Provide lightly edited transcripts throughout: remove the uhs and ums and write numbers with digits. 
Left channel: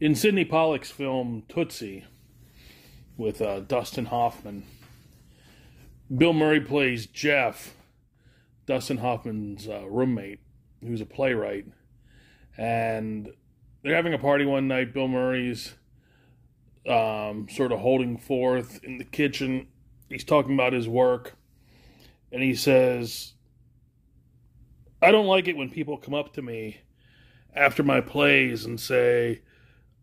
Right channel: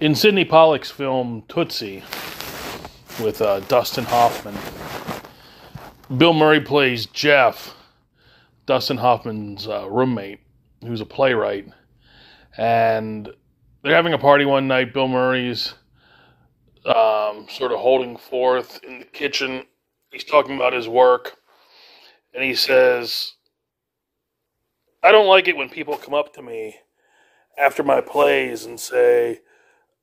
In Sidney Pollack's film Tootsie with Dustin Hoffman, Bill Murray plays Jeff, Dustin Hoffman's roommate, who's a playwright. And they're having a party one night. Bill Murray's sort of holding forth in the kitchen. He's talking about his work. And he says, I don't like it when people come up to me after my plays and say,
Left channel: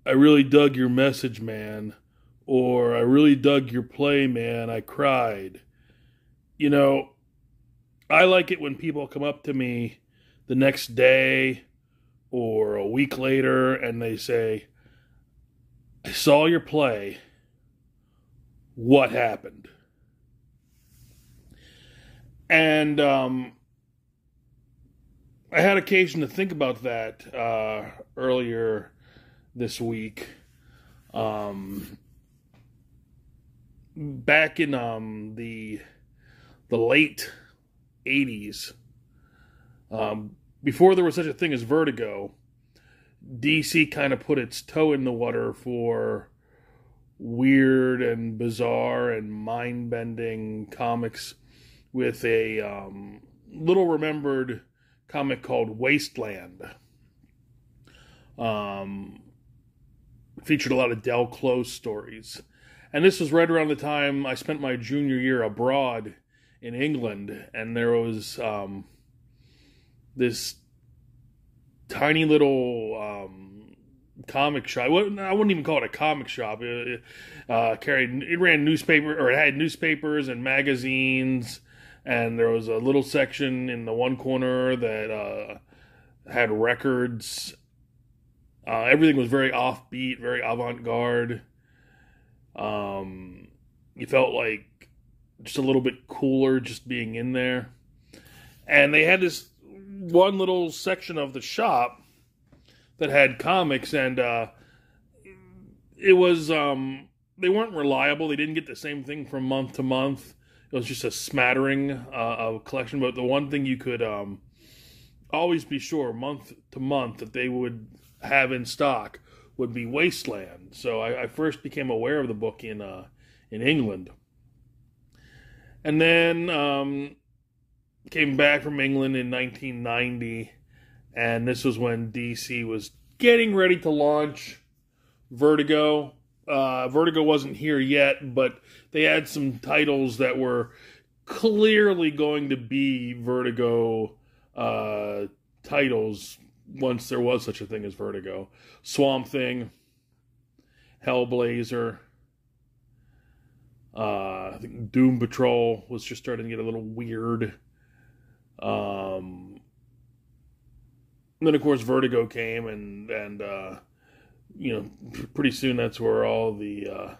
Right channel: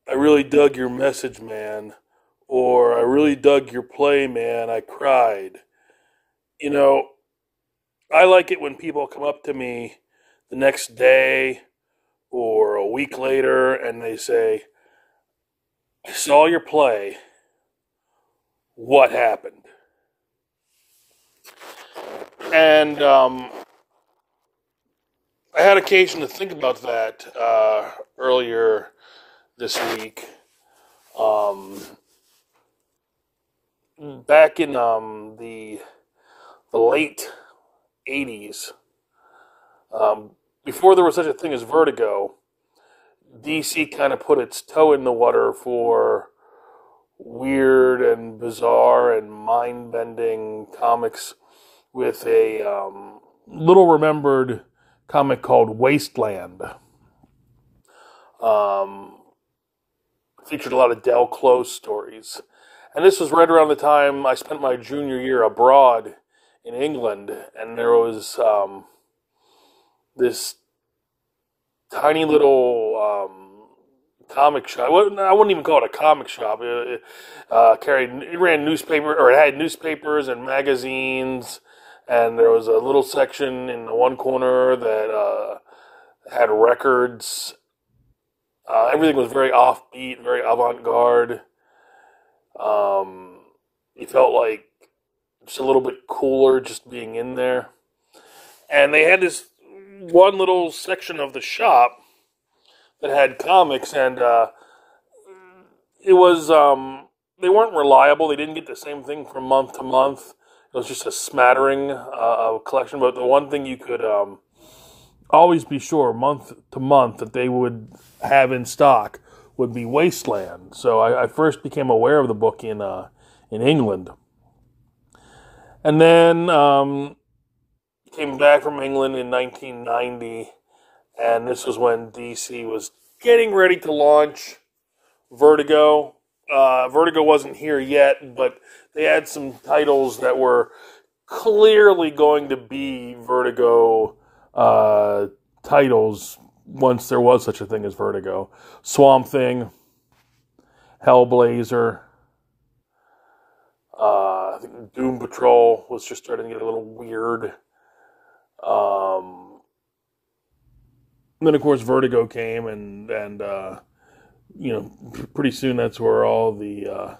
I really dug your message, man. Or, I really dug your play, man. I cried. You know, I like it when people come up to me the next day or a week later and they say, I saw your play. What happened? And I had occasion to think about that earlier this week. Back in the late 80s, before there was such a thing as Vertigo, DC kind of put its toe in the water for weird and bizarre and mind-bending comics with a little remembered comic called Wasteland. Featured a lot of Del Close stories. And this was right around the time I spent my junior year abroad in England, and there was this tiny little comic shop. I wouldn't even call it a comic shop. It ran newspaper, or it had newspapers and magazines, and there was a little section in the one corner that had records. Everything was very offbeat, very avant-garde. You felt like just a little bit cooler just being in there. And they had this one little section of the shop that had comics, and it was, they weren't reliable. They didn't get the same thing from month to month. It was just a smattering of collection. But the one thing you could always be sure, month to month, that they would have in stock would be Wasteland. So I first became aware of the book in England. And then came back from England in 1990, and this was when DC was getting ready to launch Vertigo. Vertigo wasn't here yet, but they had some titles that were clearly going to be Vertigo titles once there was such a thing as Vertigo. Swamp Thing, Hellblazer, I think Doom Patrol was just starting to get a little weird. Then of course Vertigo came, and you know, pretty soon that's where all the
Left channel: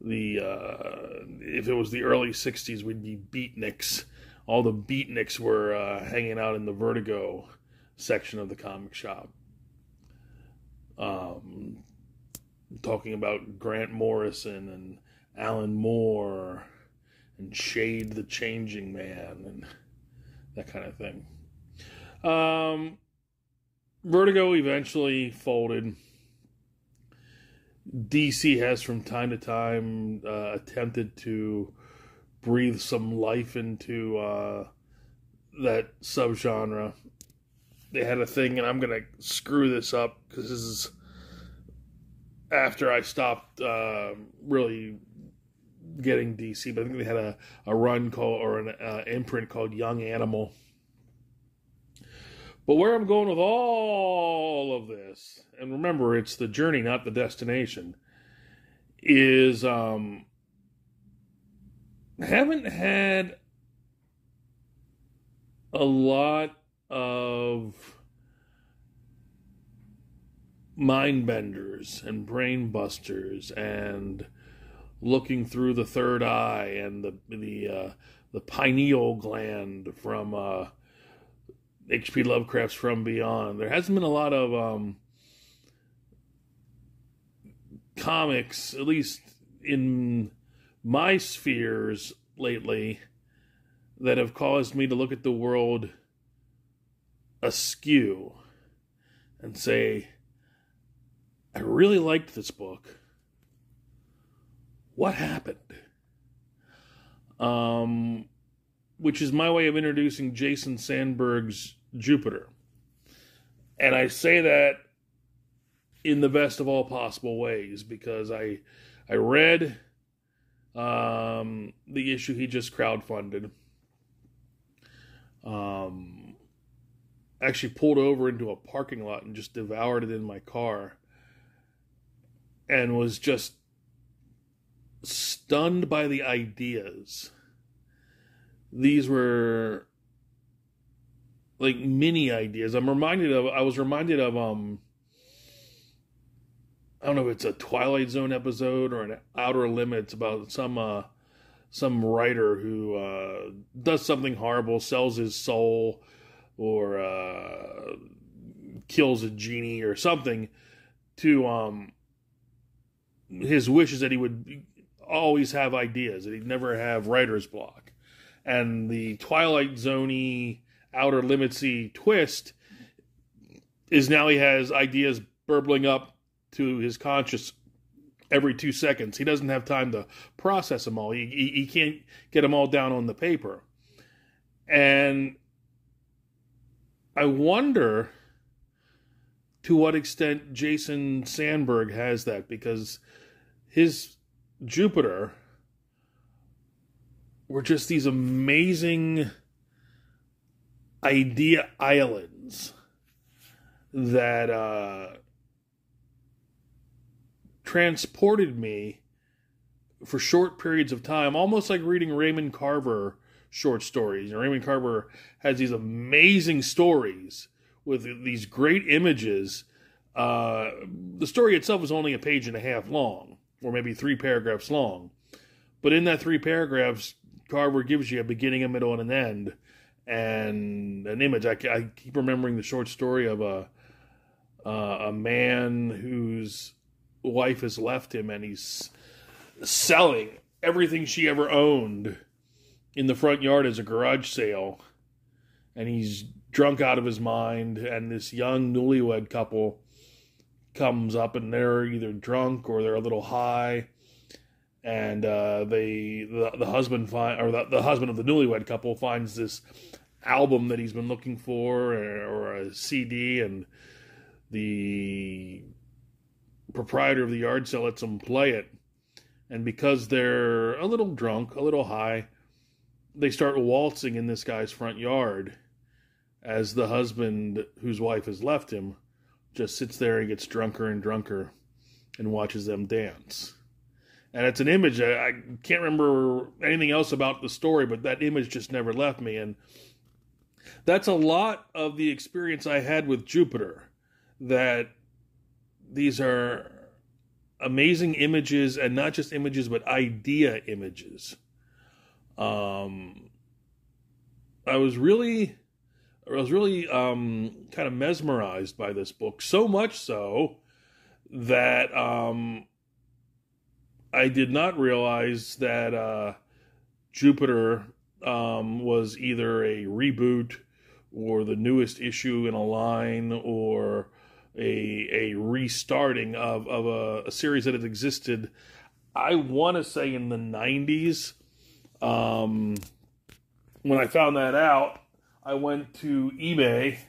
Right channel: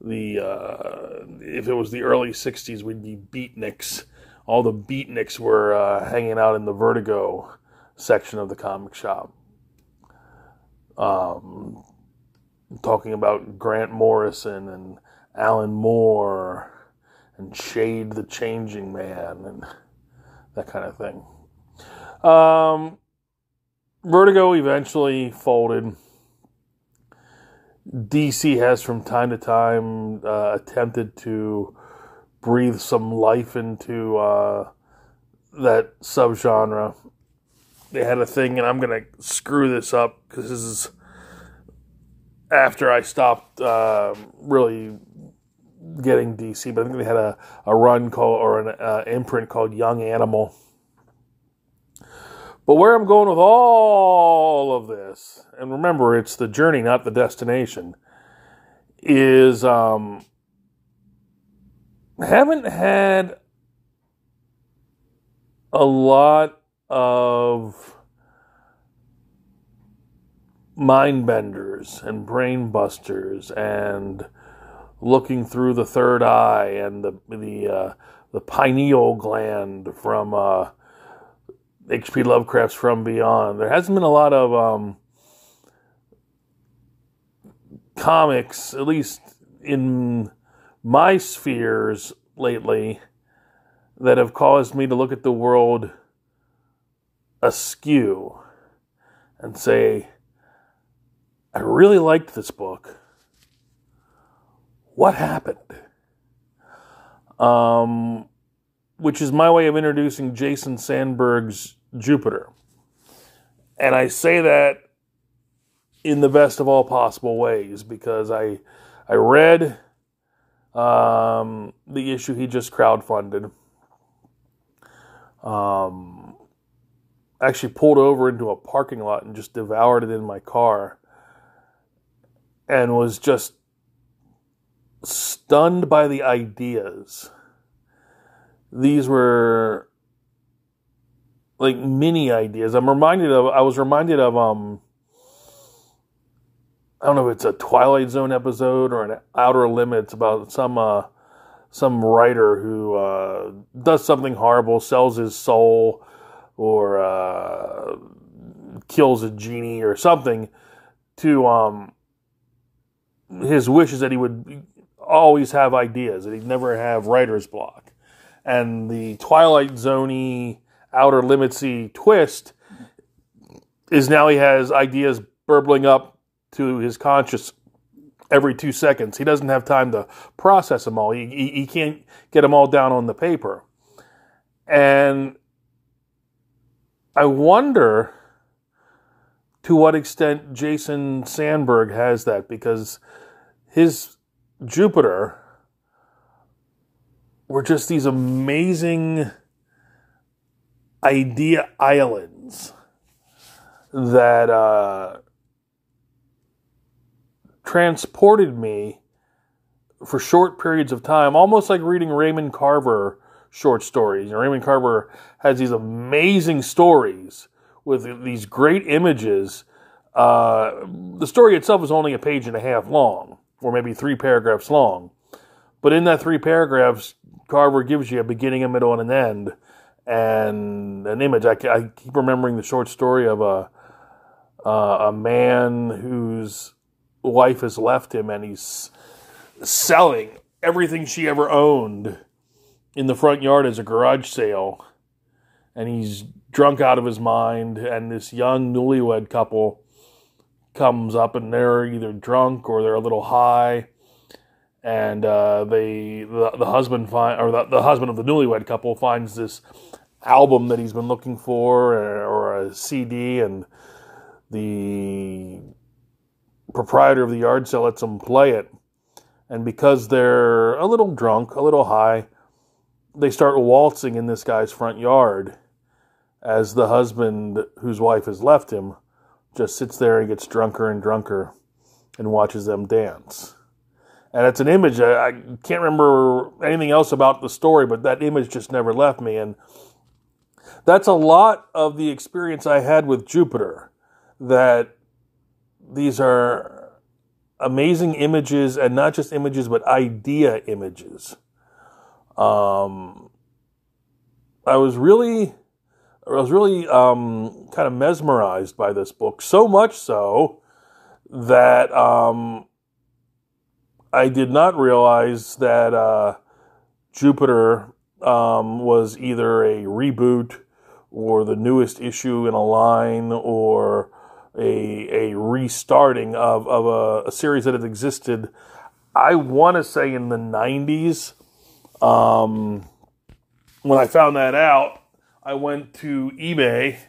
if it was the early 60s, we'd be beatniks. All the beatniks were hanging out in the Vertigo section of the comic shop. Talking about Grant Morrison and Alan Moore and Shade the Changing Man and that kind of thing. Vertigo eventually folded. DC has from time to time attempted to breathe some life into that subgenre. They had a thing, and I'm going to screw this up because this is after I stopped really getting DC, but I think they had a run called, or an imprint called Young Animal. But where I'm going with all of this, and remember, it's the journey, not the destination, is haven't had a lot of mind benders and brain busters and looking through the third eye and the pineal gland from H.P. Lovecraft's From Beyond. There hasn't been a lot of comics, at least in my spheres lately, that have caused me to look at the world askew and say, I really liked this book. What happened? Which is my way of introducing Jason Sandberg's Jupiter. And I say that in the best of all possible ways, because I read the issue he just crowdfunded. Actually pulled over into a parking lot and just devoured it in my car, and was just stunned by the ideas. These were like mini ideas. I was reminded of, I don't know if it's a Twilight Zone episode or an Outer Limits about some writer who does something horrible, sells his soul, or kills a genie or something. To his wish is that he would always have ideas, that he'd never have writer's block. And the Twilight Zone-y, Outer Limits-y twist is now he has ideas burbling up to his conscious every 2 seconds. He doesn't have time to process them all. He can't get them all down on the paper. And I wonder to what extent Jason Sandberg has that, because his Jupiter were just these amazing idea islands that transported me for short periods of time, almost like reading Raymond Carver short stories. You know, Raymond Carver has these amazing stories with these great images. The story itself is only a page and a half long, or maybe 3 paragraphs long. But in that 3 paragraphs, Carver gives you a beginning, a middle, and an end, and an image. I keep remembering the short story of a man whose wife has left him, and he's selling everything she ever owned in the front yard as a garage sale. And he's drunk out of his mind, and this young newlywed couple comes up, and they're either drunk or they're a little high, and the husband the husband of the newlywed couple finds this album that he's been looking for, or a CD, and the proprietor of the yard sale lets them play it. And because they're a little drunk, a little high, they start waltzing in this guy's front yard as the husband, whose wife has left him, just sits there and gets drunker and drunker and watches them dance. And it's an image, I can't remember anything else about the story, but that image just never left me. And that's a lot of the experience I had with Jupiter, that these are amazing images, and not just images, but idea images. I was really kind of mesmerized by this book, so much so that I did not realize that Jupiter was either a reboot or the newest issue in a line, or a restarting of a series that had existed, I want to say, in the 90s. When I found that out, I went to eBay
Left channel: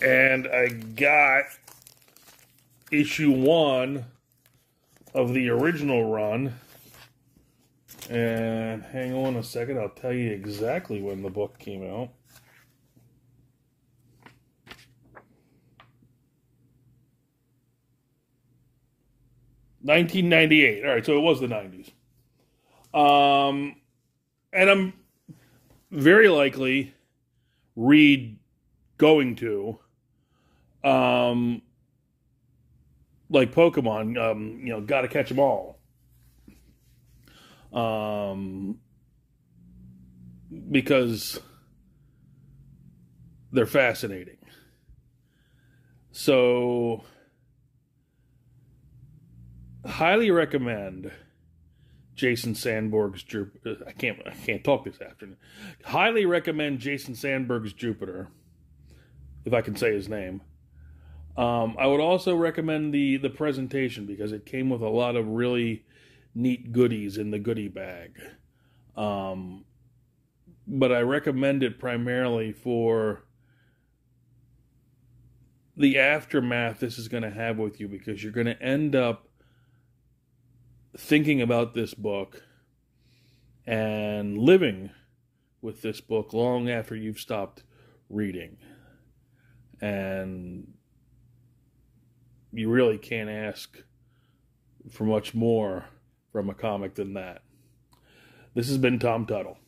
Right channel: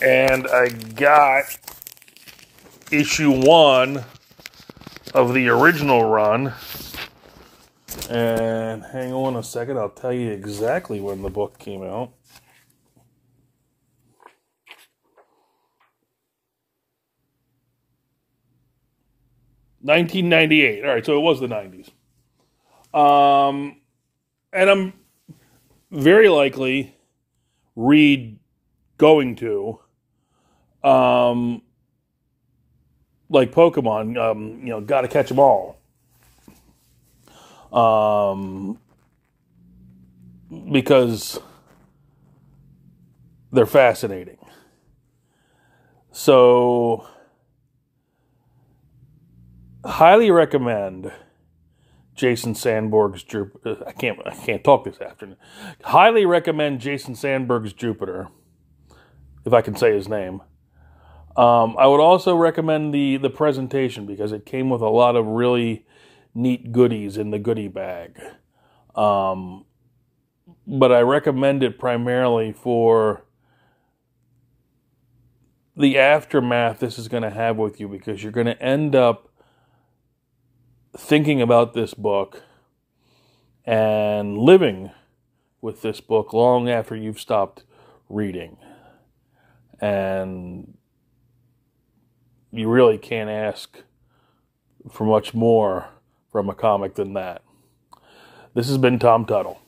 and I got issue 1 of the original run. And hang on a second, I'll tell you exactly when the book came out. $1998. All right, so it was the 90s. And I'm very likely going to, like Pokemon, gotta catch them all. Because they're fascinating. So, highly recommend Jason Sandberg's Jupiter. I can't talk this afternoon. Highly recommend Jason Sandberg's Jupiter, if I can say his name. I would also recommend the presentation because it came with a lot of really neat goodies in the goodie bag. But I recommend it primarily for the aftermath this is going to have with you, because you're going to end up thinking about this book and living with this book long after you've stopped reading. And you really can't ask for much more from a comic than that. This has been Tom Tuttle.